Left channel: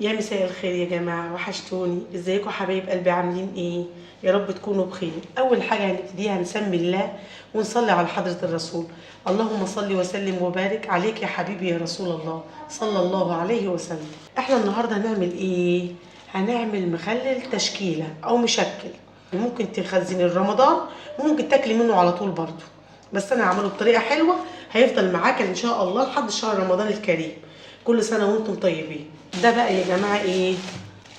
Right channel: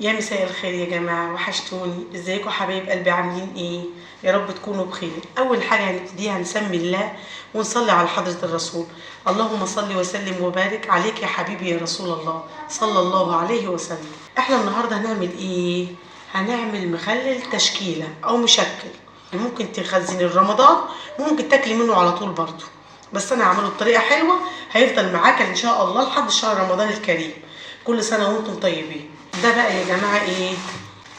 يا مساء الخير يا جماعة، وحشتوني. ازيكم حبايب قلبي؟ عاملين ايه؟ يا رب تكونوا بخير. اول حاجة هنبتديها نسمي الله ونصلي على حضرة الرسول. اللهم صل وسلم وبارك عليك يا حبيبي يا رسول الله صلى الله عليه وسلم. احنا النهاردة هنعمل ايه؟ هنعمل مخلل تشكيلة او مشكل. ممكن تخزني رمضان، ممكن تاكلي منه على طول برضو، بس انا هعمله بطريقة حلوة هيفضل معاك ان شاء الله لحد شهر رمضان الكريم. كل سنة وانتم طيبين. ده بقى يا جماعة ايه؟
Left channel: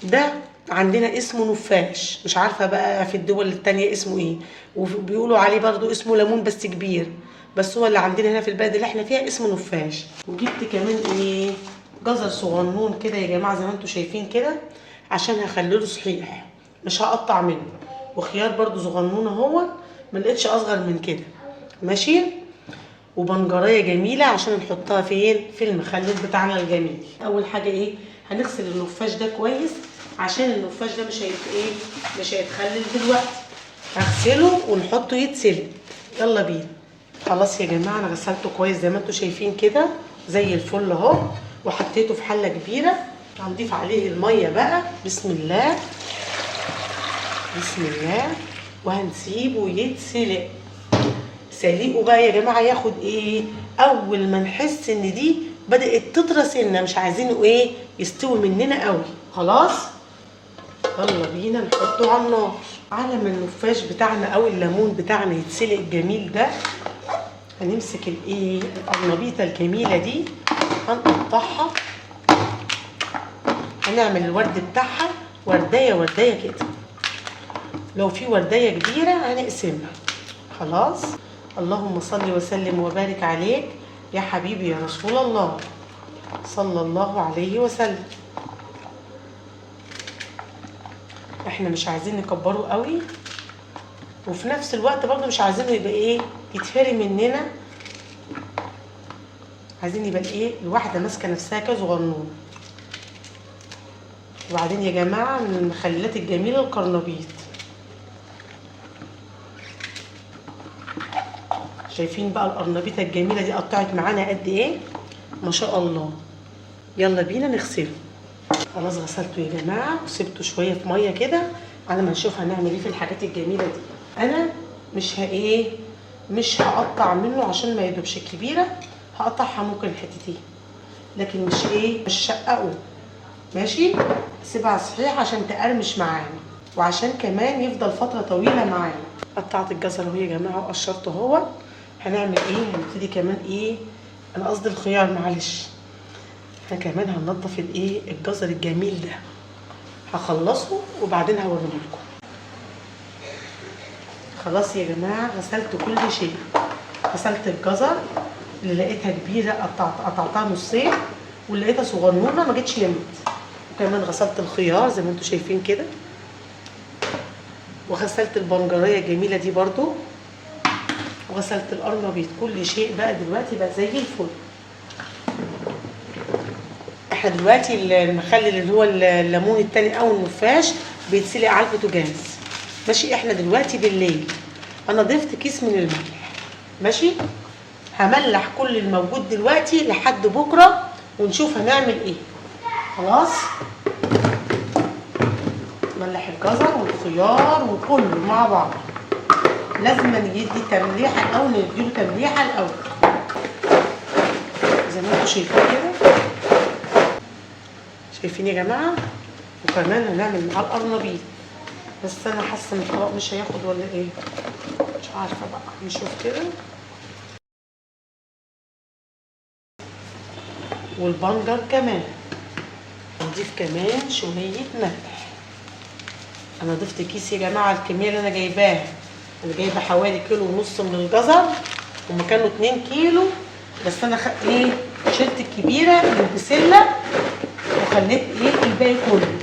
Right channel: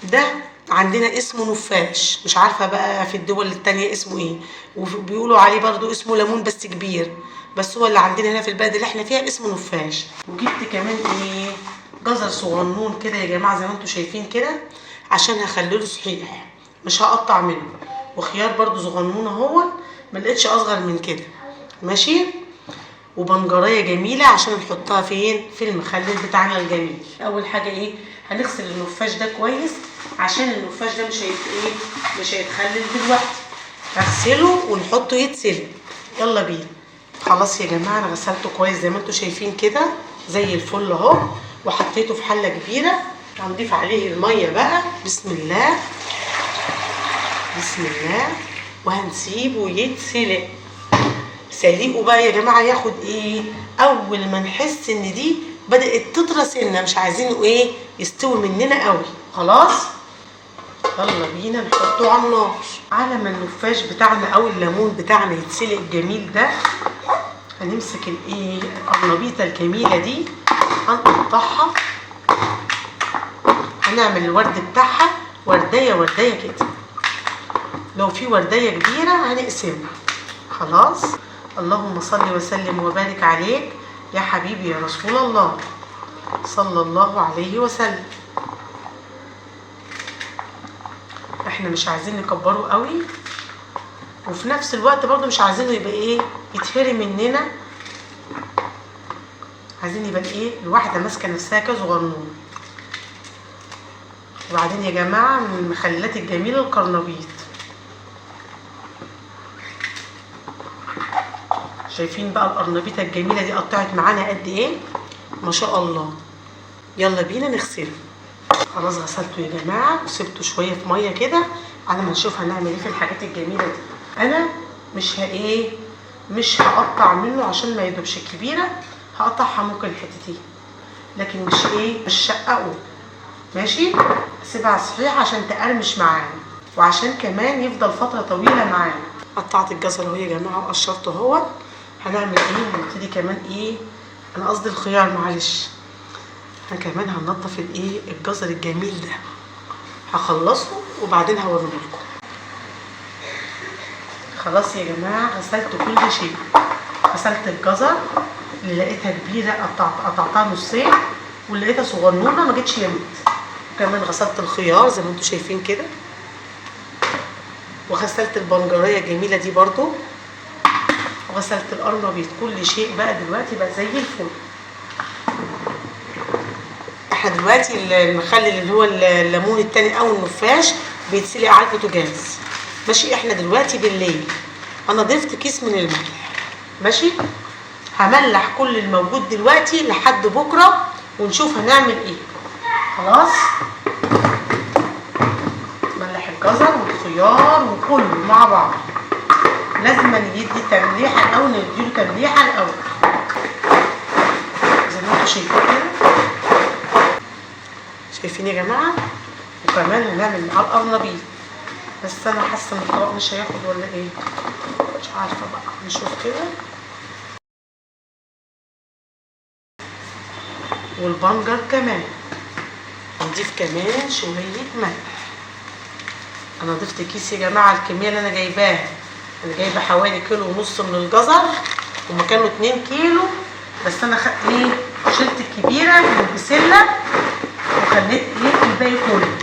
ده عندنا اسمه نفاش، مش عارفة بقى في الدول التانية اسمه ايه، وبيقولوا عليه برضو اسمه ليمون بس كبير، بس هو اللي عندنا هنا في البلد اللي احنا فيها اسمه نفاش. وجبت كمان ايه؟ جزر صغنون كده يا جماعة زي ما انتم شايفين كده، عشان هخلله صحيح مش هقطع منه. وخيار برضو صغنون اهو، ملقتش اصغر من كده. ماشي. وبنجرية جميلة عشان نحطها فين؟ في المخلل بتاعنا الجميل. أول حاجة إيه؟ هنغسل النفاش ده كويس، عشان النفاش ده مش هيتخلل دلوقتي. هغسله ونحطه يتسلق. يلا بينا. خلاص يا جماعة أنا غسلته كويس زي ما انتوا شايفين كده، زي الفل أهو. وحطيته في حلة كبيرة. هنضيف عليه المية بقى. بسم الله بسم الله. وهنسيبه يتسلق. سليقه بقى يا جماعه ياخد ايه؟ اول ما نحس ان دي بدات تطرى سنه، مش عايزينه ايه يستوي مننا قوي. خلاص يلا بينا نحطه على النار. على ما النفاش بتاعنا او الليمون بتاعنا يتسلق الجميل ده، هنمسك الايه القرنبيطه الجميله دي، هنقطعها. هنعمل الورد بتاعها ورديه ورديه كده. لو في ورديه كبيره هنقسمها. خلاص. اللهم صل وسلم وبارك عليك يا حبيبي يا رسول الله صلى الله عليه وسلم. احنا مش عايزين نكبره قوي، وفي نفس الوقت برضو مش عايزينه يبقى ايه يتهري مننا. عايزين يبقى ايه الواحده ماسكه نفسها كصغنون. وبعدين يا جماعه من المخللات الجميله القرنبيط. شايفين بقى القرنبيطه الجميله دي قطعت معانا قد ايه؟ ما شاء الله. يلا بينا نغسله. خلاص غسلته يا جماعه وسبته شويه في ميه كده على ما نشوف هنعمل ايه في الحاجات الجميله دي. انا مش هقطع منه عشان ما يدوبش. الكبيره هقطعها ممكن حتتين، لكن مش شققه. ماشي. اسيبها صحيح عشان تقرمش معانا، وعشان كمان يفضل فتره طويله معانا. قطعت الجزر اهو يا جماعه وقشرته اهو. هنعمل ايه؟ هنبتدي كمان ايه، انا قصدي الخيار معلش. احنا كمان هننضف الايه الجزر الجميل ده. هخلصه وبعدين هوريه لكم. خلاص يا جماعه غسلت كل شيء. غسلت الجزر اللي لقيتها كبيره قطعتها نصين، واللي لقيتها صغنونه ما جتش يمت. وكمان غسلت الخيار زي ما انتم شايفين كده، وغسلت البنجريه الجميله دي برضو، وغسلت القرنبيط. كل شيء بقى دلوقتي بقى زي الفل. احنا دلوقتي المخلل اللي هو الليمون التاني او النفاش بيتسلق على البوتاجاز. ماشي. احنا دلوقتي بالليل. انا ضفت كيس من الملح. ماشي. هملح كل الموجود دلوقتي لحد بكره ونشوف هنعمل ايه. خلاص. ملح الجزر والخيار وكله مع بعض. لازم ندي تمليحه الاول، نديله تمليحه الاول زي ما انتم شايفين كده. شايفين يا جماعه؟ وكمان هنعمل معاه القرنبيط، بس انا حاسه ان الطبق مش هياخد ولا ايه، مش عارفه بقى. نشوف كده. والبنجر كمان هنضيف كمان شويه ملح. انا ضفت كيس يا جماعه الكميه اللي انا جايباها. انا جايبه حوالي كيلو ونص من الجزر، هما كانوا 2 كيلو، بس انا خدت شلت الكبيره من البسله وخليت الباقي كله.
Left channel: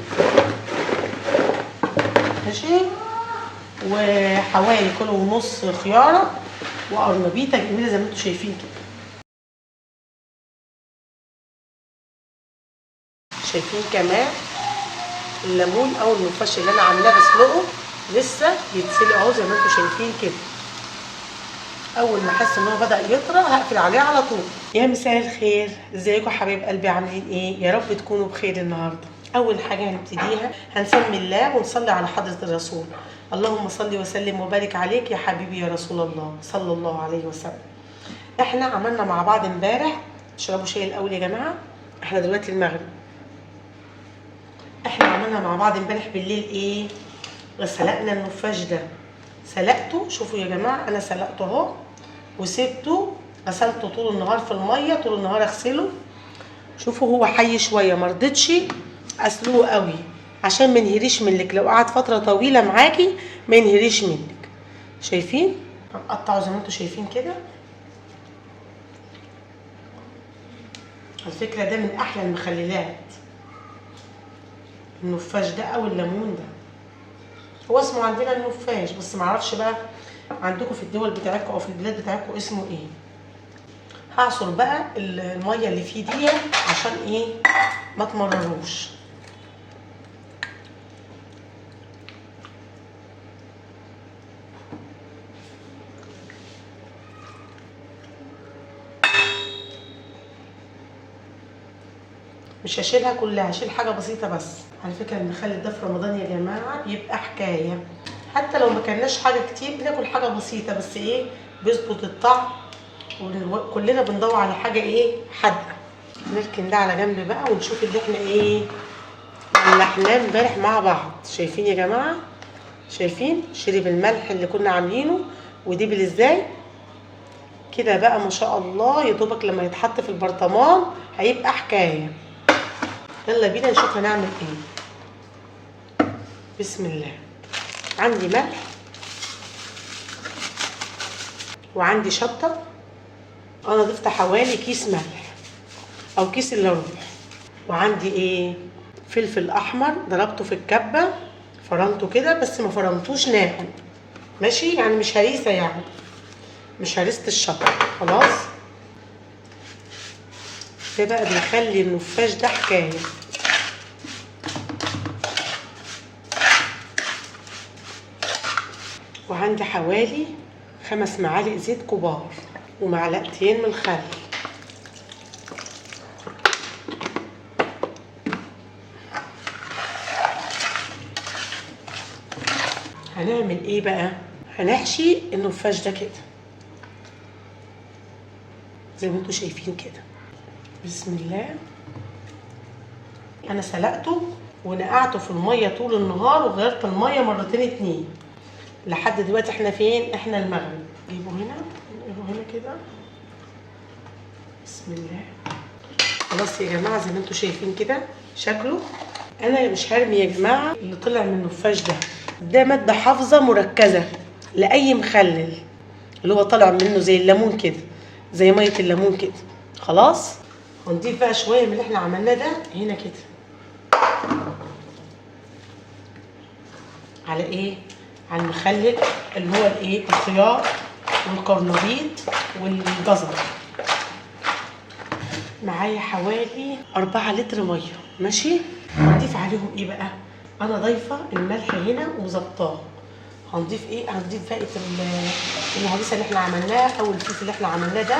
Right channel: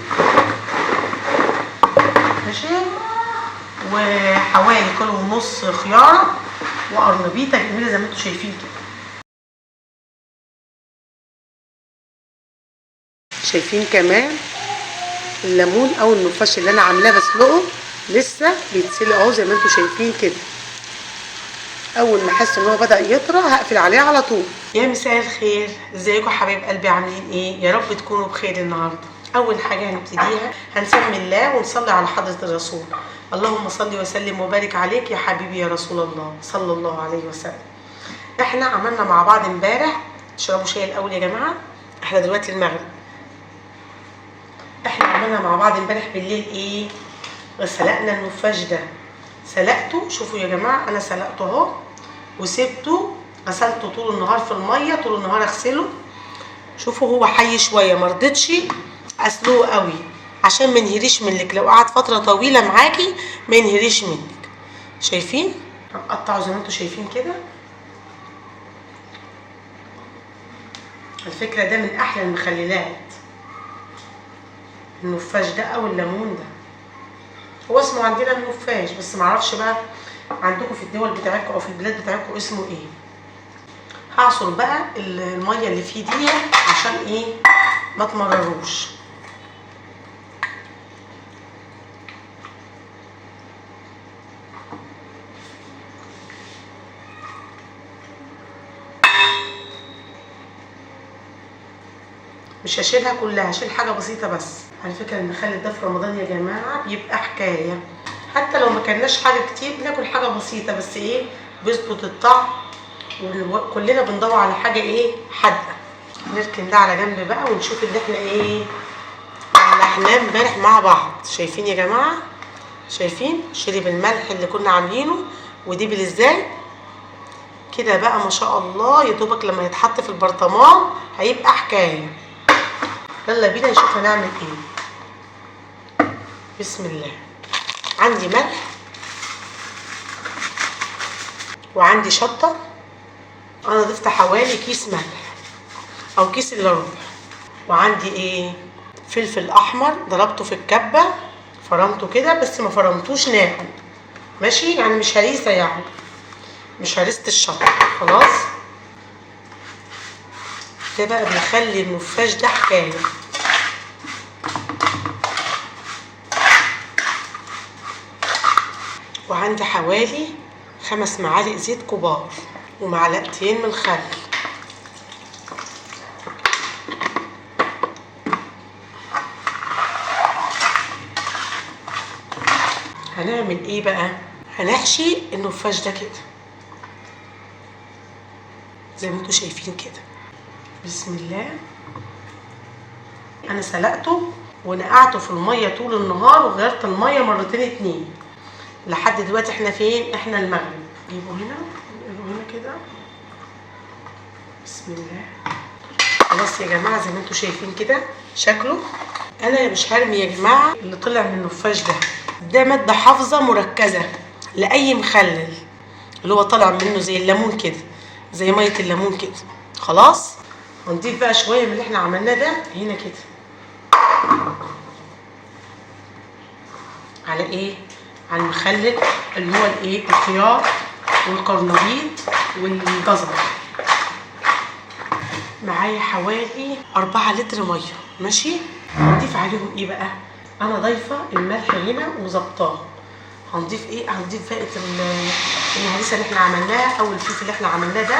ماشي. وحوالي كيلو ونص خياره وقرنبيطه جميله زي ما انتم شايفين كده. شايفين كمان الليمون او النفاش اللي انا عاملاه بسلقه لسه بيتسلق اهو زي ما انتم شايفين كده. اول ما احس ان هو بدا يطرى هقفل عليه على طول. يا مساء الخير، ازيكم حبايب قلبي؟ عاملين ايه؟ يا رب تكونوا بخير النهارده. اول حاجه هنبتديها هنسمي الله ونصلي على حضره الرسول. اللهم صل وسلم وبارك عليك يا حبيبي يا رسول الله صلى الله عليه وسلم. احنا عملنا مع بعض امبارح، اشربوا شاي الاول يا جماعه، احنا دلوقتي المغرب. احنا عملنا مع بعض امبارح بالليل ايه؟ سلقنا النفاش ده، سلقته. شوفوا يا جماعه انا سلقته اهو وسبته، غسلته طول النهار في الميه، طول النهار اغسله. شوفوا هو حي شويه، مرضتش اسلقه قوي عشان ما ينهريش منك، لو قعد فتره طويله معاكي ما ينهريش منك. شايفين؟ قطعوا زي ما انتم شايفين كده. الفكره ده من احلى المخللات، النفاش ده او الليمون ده. هو اسمه عندنا النفاش، بس معرفش بقى عندكم في الدول بتاعتكم او في البلاد بتاعتكم اسمه ايه. هعصر بقى الميه اللي فيه دي عشان ايه؟ ما تمرروش. مش هشيلها كلها، هشيل حاجه بسيطه بس. على فكره المخلل ده في رمضان يا جماعه بيبقى حكايه، حتى لو ما كلناش حاجه كتير بناكل حاجه بسيطه بس ايه بيظبط الطعم. وكلنا بندور على حاجه ايه؟ حادقه. نركن ده على جنب بقى ونشوف اللي احنا ايه ملحناه امبارح مع بعض. شايفين يا جماعه؟ شايفين شرب الملح اللي كنا عاملينه ودبل ازاي كده بقى ما شاء الله. يا دوبك لما يتحط في البرطمان هيبقى حكايه. يلا بينا نشوف هنعمل ايه. بسم الله. عندي ملح وعندي شطه، انا ضفت حوالي كيس ملح او كيس الا ربع. وعندي ايه؟ فلفل احمر ضربته في الكبه، فرمته كده بس ما فرمتوش ناعم، ماشي؟ يعني مش هريسه، يعني مش هريسه الشطه. خلاص، ده بقى بيخلي النفاش ده حكايه. وعندي حوالي 5 معالق زيت كبار ومعلقتين من الخل. هنعمل ايه بقى؟ هنحشي النفاش ده كده زي ما انتم شايفين كده. بسم الله. انا سلقته ونقعته في الميه طول النهار وغيرت الميه مرتين 2 لحد دلوقتي. احنا فين؟ احنا المغرب. نجيبه هنا، نجيبه هنا كده. بسم الله. خلاص يا جماعه زي ما انتم شايفين كده شكله. انا مش هرمي يا جماعه اللي طلع من النفاش ده، ده ماده حافظه مركزه لاي مخلل اللي هو طالع منه زي الليمون كده، زي ميه الليمون كده. خلاص، ونضيف بقى شويه من اللي احنا عملناه ده هنا كده على ايه؟ على المخلل اللي هو الايه؟ الخيار والقرنبيط والجزر. معايا حوالي 4 لتر ميه، ماشي؟ هنضيف عليهم ايه بقى؟ انا ضايفه الملح هنا وظبطاه. هنضيف ايه؟ هنضيف بقى الهريسه اللي احنا عملناها او الفلفل اللي احنا عملناه ده،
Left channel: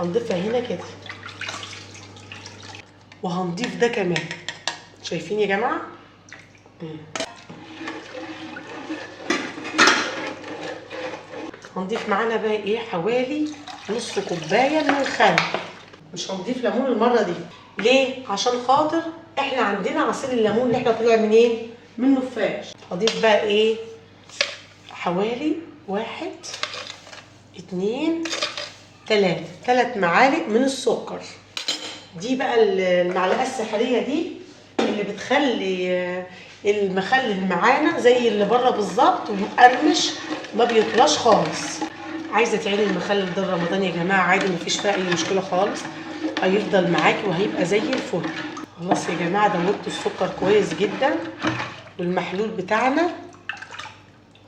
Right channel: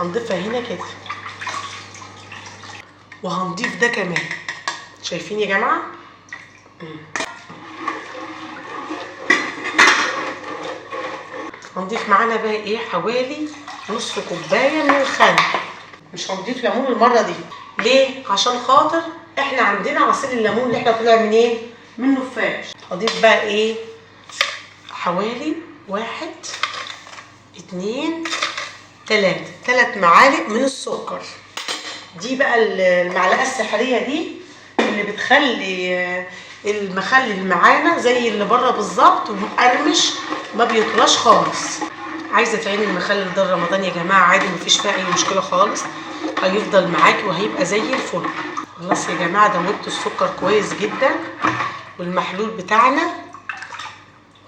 هنضيفها هنا كده. وهنضيف ده كمان. شايفين يا جماعه؟ هنضيف معانا بقى ايه؟ حوالي نص كوبايه من الخل. مش هنضيف ليمون المره دي. ليه؟ عشان خاطر احنا عندنا عصير الليمون اللي احنا طلع من ايه؟ من نفاش. هضيف بقى ايه؟ حوالي 1 2 3 معالق من السكر. دي بقى المعلقه السحريه دي اللي بتخلي المخلل معانا زي اللي بره بالظبط ومقرمش، ما بيطلاش خالص. عايزه تعيني المخلل ده رمضان يا جماعه عادي، مفيش فيها اي مشكله خالص، هيفضل معاكي وهيبقى زي الفل. خلاص يا جماعه دوبت السكر كويس جدا، والمحلول بتاعنا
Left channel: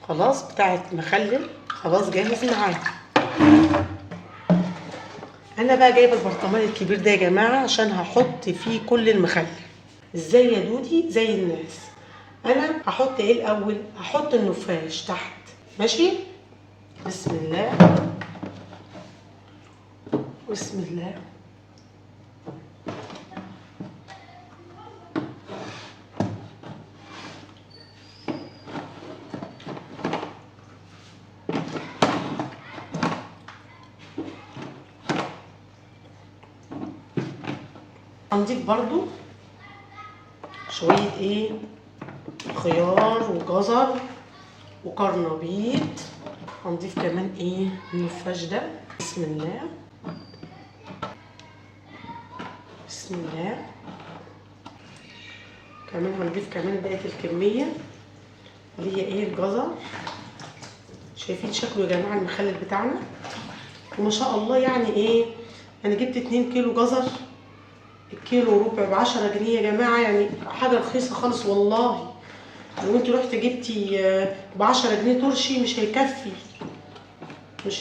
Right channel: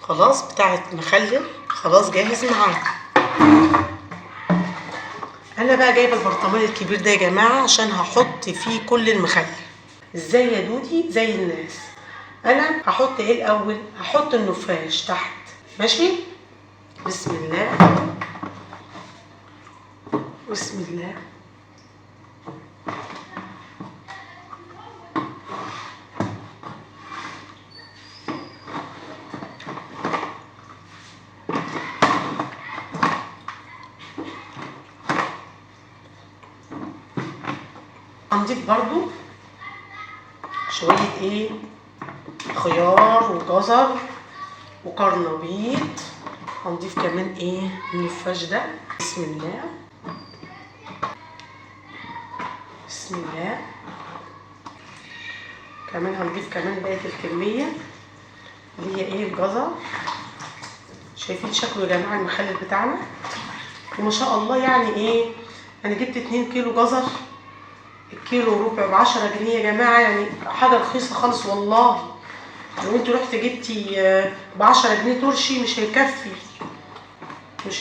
خلاص بتاع المخلل خلاص جاهز معانا. انا بقى جايبه البرطمان الكبير ده يا جماعه عشان هحط فيه كل المخلل. ازاي يا دودي؟ زي الناس. انا هحط ايه الاول؟ هحط النفاش تحت، ماشي؟ بسم الله، بسم الله. هنضيف برضو شوية ايه، خيار وجزر وقرنبيط. هنضيف كمان ايه من الفاش ده. بسم الله بسم الله. كمان هنضيف كمان بقية الكمية اللي هي ايه الجزر. شايفين شكله يا جماعة المخلل بتاعنا؟ وما شاء الله يعني ايه، انا جبت 2 كيلو جزر، الكيلو ربع ب10 جنيه يا جماعة، يعني حاجة رخيصة خالص والله. لو انتوا رحت جبتي ب10 جنيه ترشي مش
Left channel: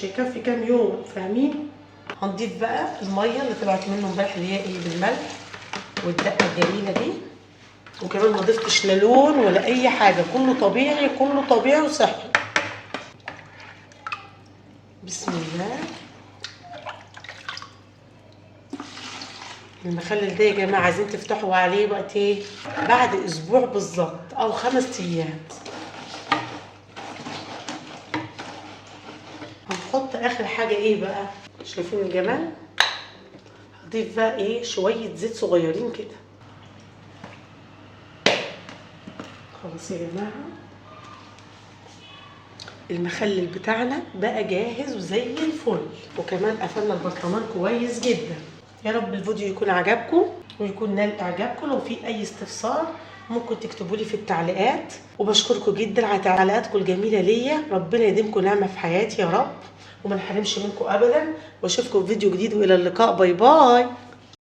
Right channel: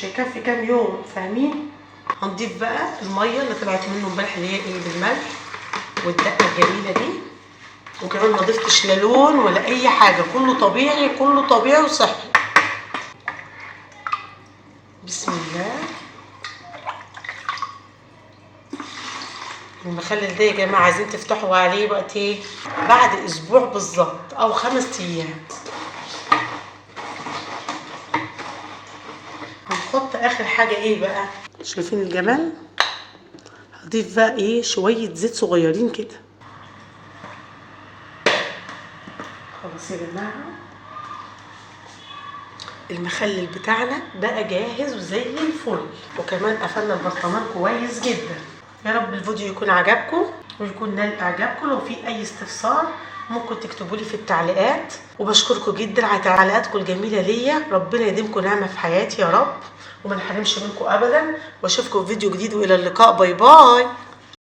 هيكفي كام يوم، فاهمين؟ هنضيف بقى المية اللي طلعت منه امبارح اللي هي ايه بالملح والدقة الجميلة دي. وكمان ما ضفتش لا لون ولا اي حاجة، كله طبيعي كله طبيعي وصحي. بسم الله. المخلل ده يا جماعة عايزين تفتحوا عليه وقت ايه؟ بعد اسبوع بالظبط او 5 ايام. هنحط اخر حاجة ايه بقى؟ شايفين الجمال؟ هضيف بقى ايه شوية زيت صغيرين كده. خلاص يا جماعة المخلل بتاعنا بقى جاهز وزي الفل، وكمان قفلنا البرطمان كويس جدا. يا رب الفيديو يكون عجبكم ويكون نال اعجابكم. لو في اي استفسار ممكن تكتبوا لي في التعليقات، وبشكركم جدا على تعليقاتكم الجميله ليا. ربنا يديمكم نعمه في حياتي يا رب، وما نحرمش منكم ابدا. واشوفكم في فيديو جديد، والى اللقاء. باي باي.